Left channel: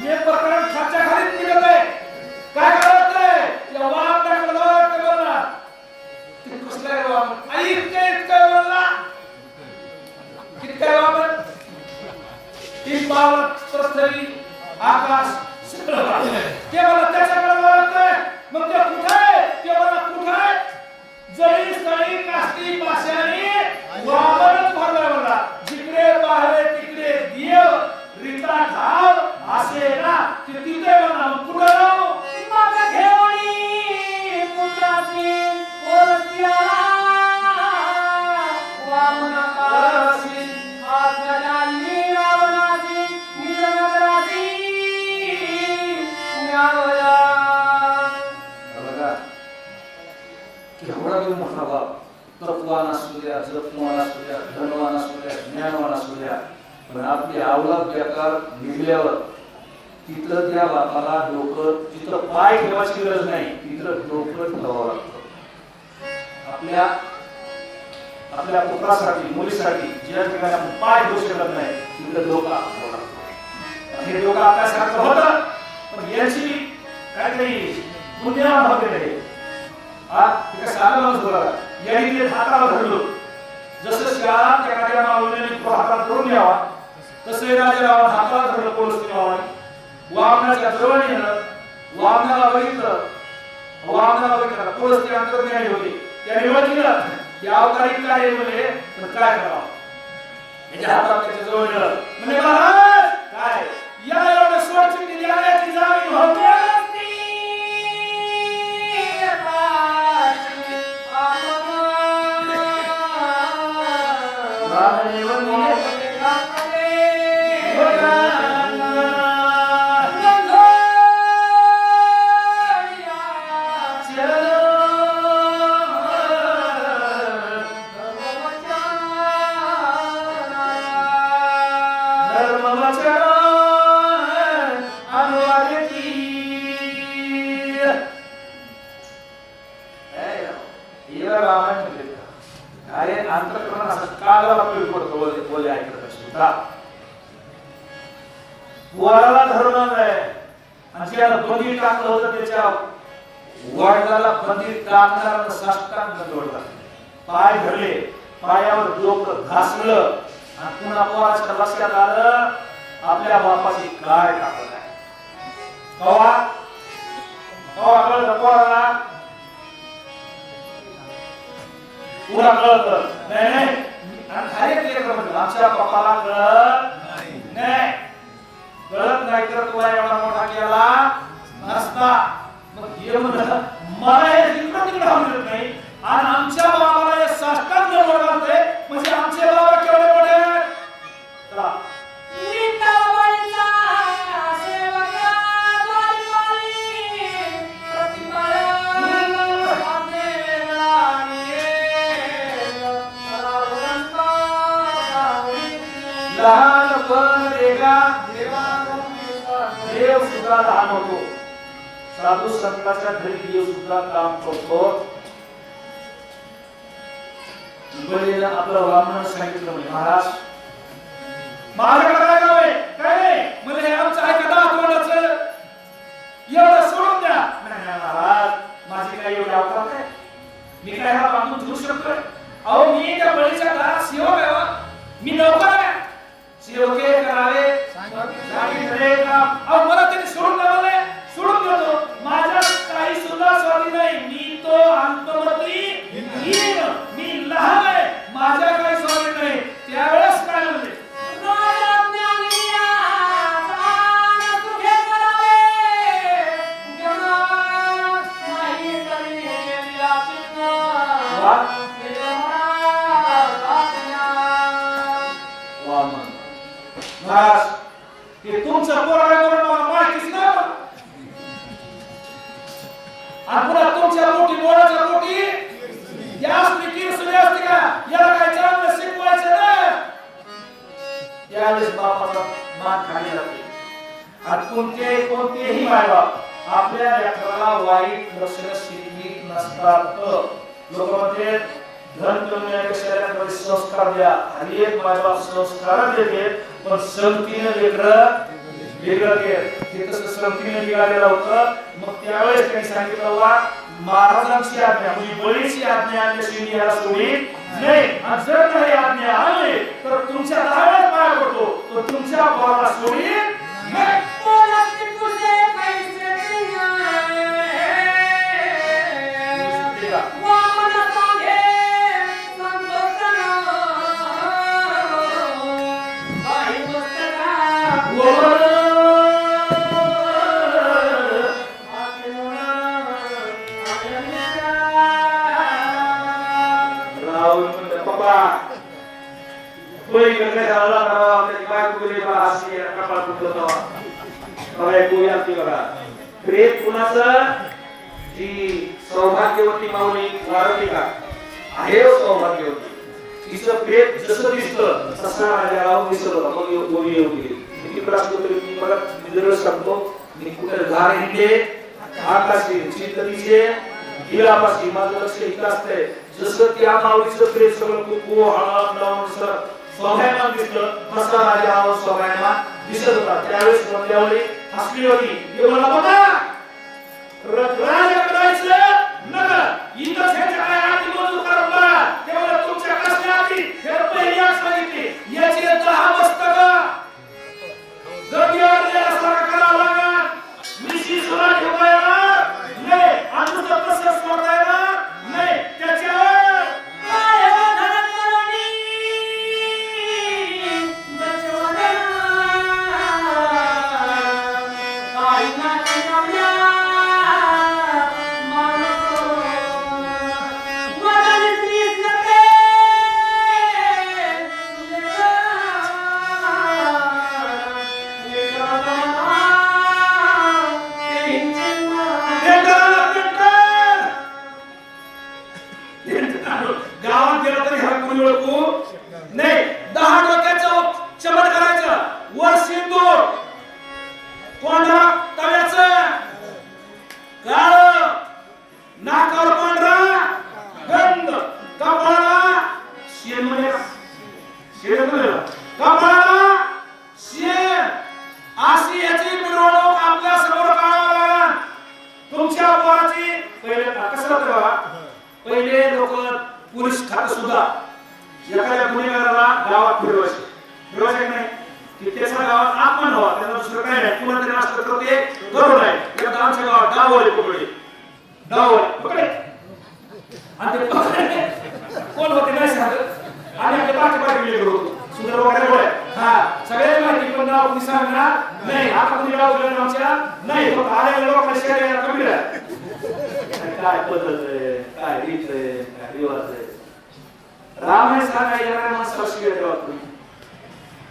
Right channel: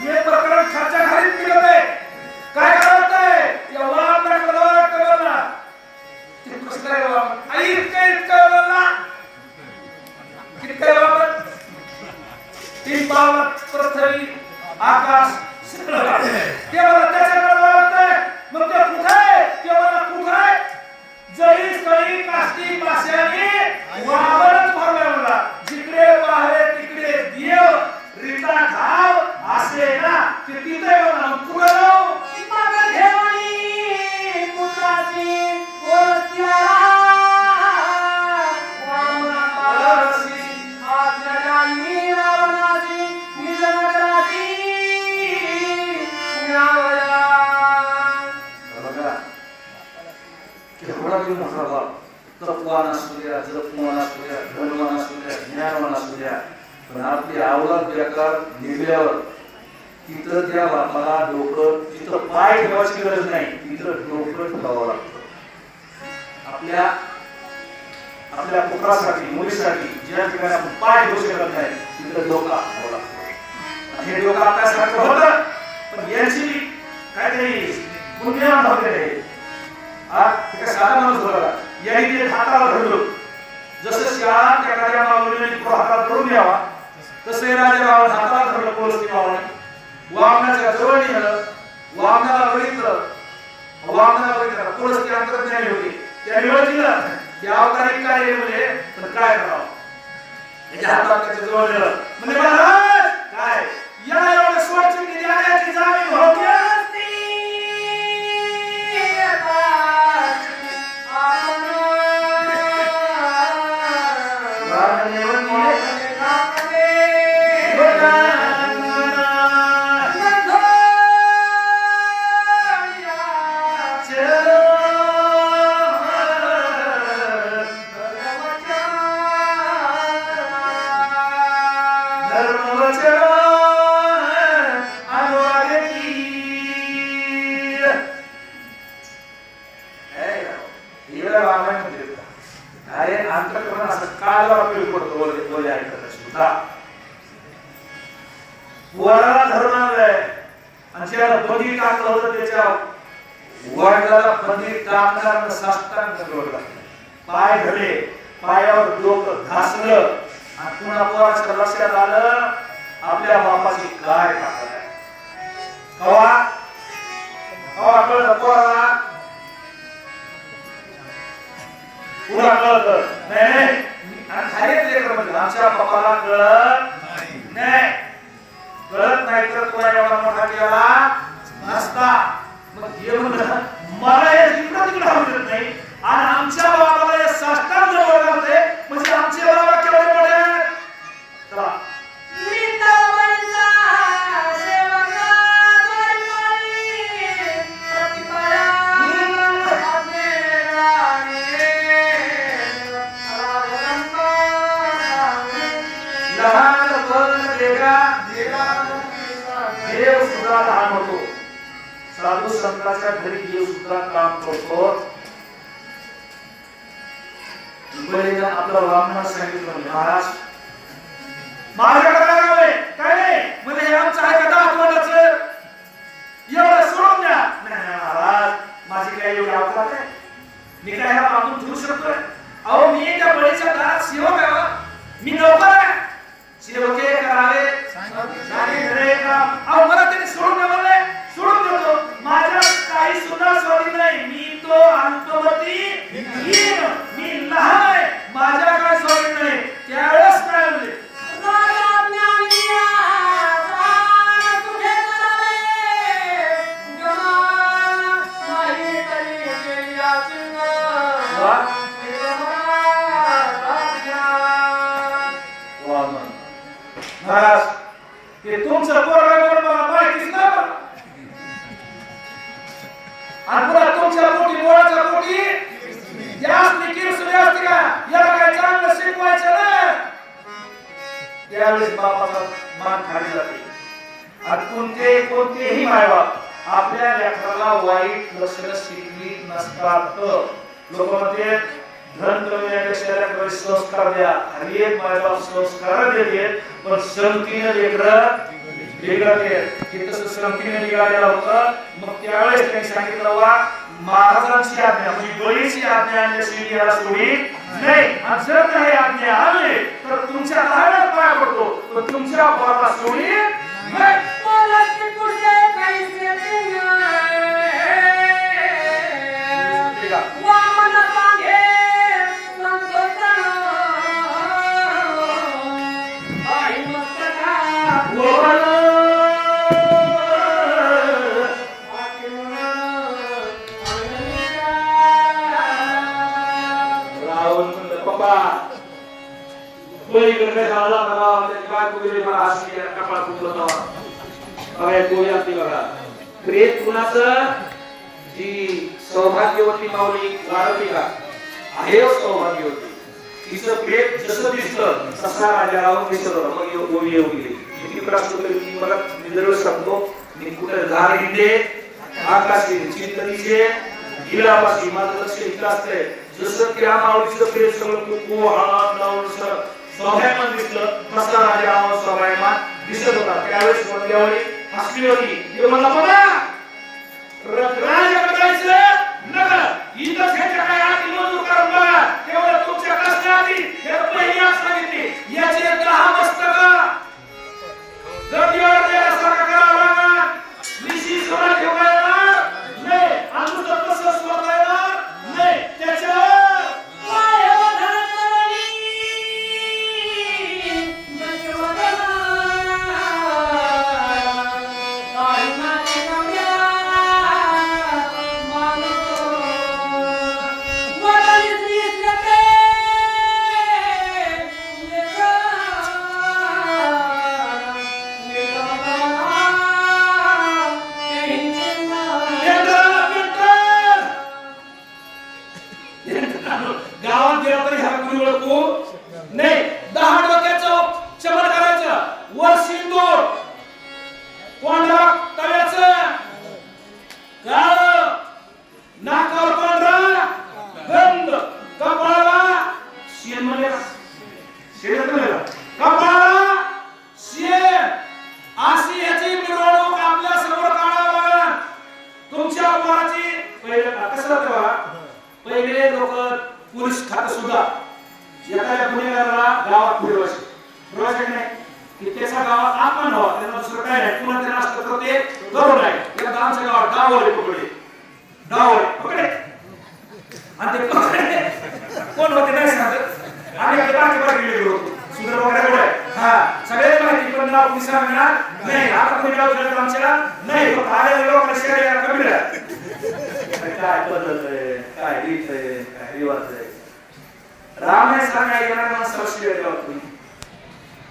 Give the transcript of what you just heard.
हे प्रकरण खालच्या खाली प्रकरण खाली काय करायचंय? या ना ते कसं आई इतकं इतकं वापर पृथ्वी आकाश सगळं. ते मला त्याच्याकडे मग ते कुठे आहे ते मला कुठे आहे जळी स्थळी काष्टी पाशाने वामनच निघल्यावर तिथं त्या बापाला डोकं तिथं पाय ठेवायची गरज नाही तिथं डोकं ठेवावं लागतं. आपल्या आपल्या पुत्रासाठी मुलीसाठी ज्या ठिकाणी आपण पाय ठेवू शकत नाही तिथं डोका ठेवावं लागतं. आणि हे डोकं आपल्यासारखं होतं पण याची काहीतरी पुण्यवान वगैरे हा साधा माणूस बघा या इथे हाताला धरलो जसं शाळा एखाद्या माऊलीने तो हातात धरून घ्यावा तसं हे हाताला धरलं पोलीस भावाने वामनाच्या जवळ नेलं वामनाला बघितलं वामनाला बघितलं पोलीस अंतर्ज्ञानी होती. त्याने बघितलं की अवतारी काय म्हणजे तर काय करावं? म्हणजे हातात त्याच्याजवळ नेलं. म्हणजे महाराज काय? या एवढं सोडची दिली याची जाणीव होते. अरे अंतकरण असं काळाला उपयोग पडतो बोले बोले ऐकत असेल वराला धरून आणलंय आणि त्याला बंदी टाकलं होतं त्याच्या वडिलाला बंदी टाकणार साष्टांग जोडला पाय धरले पायावर डोकं घासलं आणि पुन्हा पोराच्या लक्षात आलं आपल्या बापाची काय ताकद कवा कवा कळलं पोराला पुरा कळत नाही नाही आणि खाली लेकरं म्हणजे. आमच्या पप्पाला कळत नाही. कळत नाही तर तुला एवढा मोठा केला नसता मग हे म्हणलं मला हे तिकडं तिकडं नाही. आणि आमच्या देगा देव सुद्धा लहान होतो. साधू संतांच्या घरी देव सुद्धा काम करतो. आपलं ब्राह्मण सांगितलं महाराज माझ्याकडे काय? काय म्हणजे हे आमचं दहा तोंडाचं? एवढं सोडून द्या. नाही महाराज माझी काय एवढी अवकात आहे. मी काय हा बांधून ठेवू शकतोय? अहो मी त्या बळीच्या दारात सेवक आहे. मी नोकर आहे. सेवके महाराज हे तुमचं पोरग आहे मला माहितीच नाही आणि पुन्हा तुमच्या पोटी डोळ्याच्या पोटी? याच निकीर असते का? याला काय चांगलं शिकवायचं नाही त्यावेळेस बापाला मान खाली जाते. आणि कोणते कोणतेही मायबाप आपल्या लेकराला वाईट लक्षणं शिकवीत नसतात. लोक म्हणते धन कमी संस्कार द्या आणि एक माझ्या संस्कार देते पण संगतीने लेकरं वेगळं केलं हे तसं निघालेलं होतं. मग त्यावेळेस त्यांनी सांगितलं वा महाराजांची आज्ञा म्हणजे बळीची आज्ञा आणल्याशिवाय याला सोडीत नाही. जर काही आज्ञा तर तुमच्या पाय पडतो. पण तुमच्या पोराला सोडी नाही. इकडे झाला ना, काय बा हसली, कपाळ बघा, बघा. प्रेत कुणाचं जी सौभाग्यवती माऊली वाढवली का आहे सौभाग्यवती तिचं प्रेत जसं दिसतं तसा राजाराव दिसत मग येऊ- गोळी येऊ गेली असतो तरी मी परत निरळ सांगतो मी कुठे झाड हिंडले आकाशी चिंतनीचे हिरापाशी माझं लक्ष इथं असतंय जसं त्या माऊलीचं प्रेत सगळं तू कोहळा सोहळ्यानं दिसलं तसा राजाराव सोहळ्याला दिसत होता. त्यावेळेस बंद्यावरी हसली होती हे राजा करायचं गावात गेला तरी ह्या गुरु नाही दहा गावात फिरवायचे. फिरवायचे नाही? की त्याचा गावात अपमान व्हावा त्याला दुसरं काय नाही. पुन्हा त्याला असलं तर ते करू नाही एकदा आमच्या गावात डावले पकडले. डावले पकडले. आणि ते पकडले. कोण होते? नाही सांगत आणि एकदा बाकी बाकी गेले होते. सुंदर वगैरे हा सगळे माहिती पण नाव कोणी सांगणार नाही आता कोणी गाव गेलं आमच्या. नाही फक्त आलेल्या लोकांना शेअर कमी काय पद्धत आहे काय रीत काय रिवाज आहे? राम हे सांगा येणार माणसाला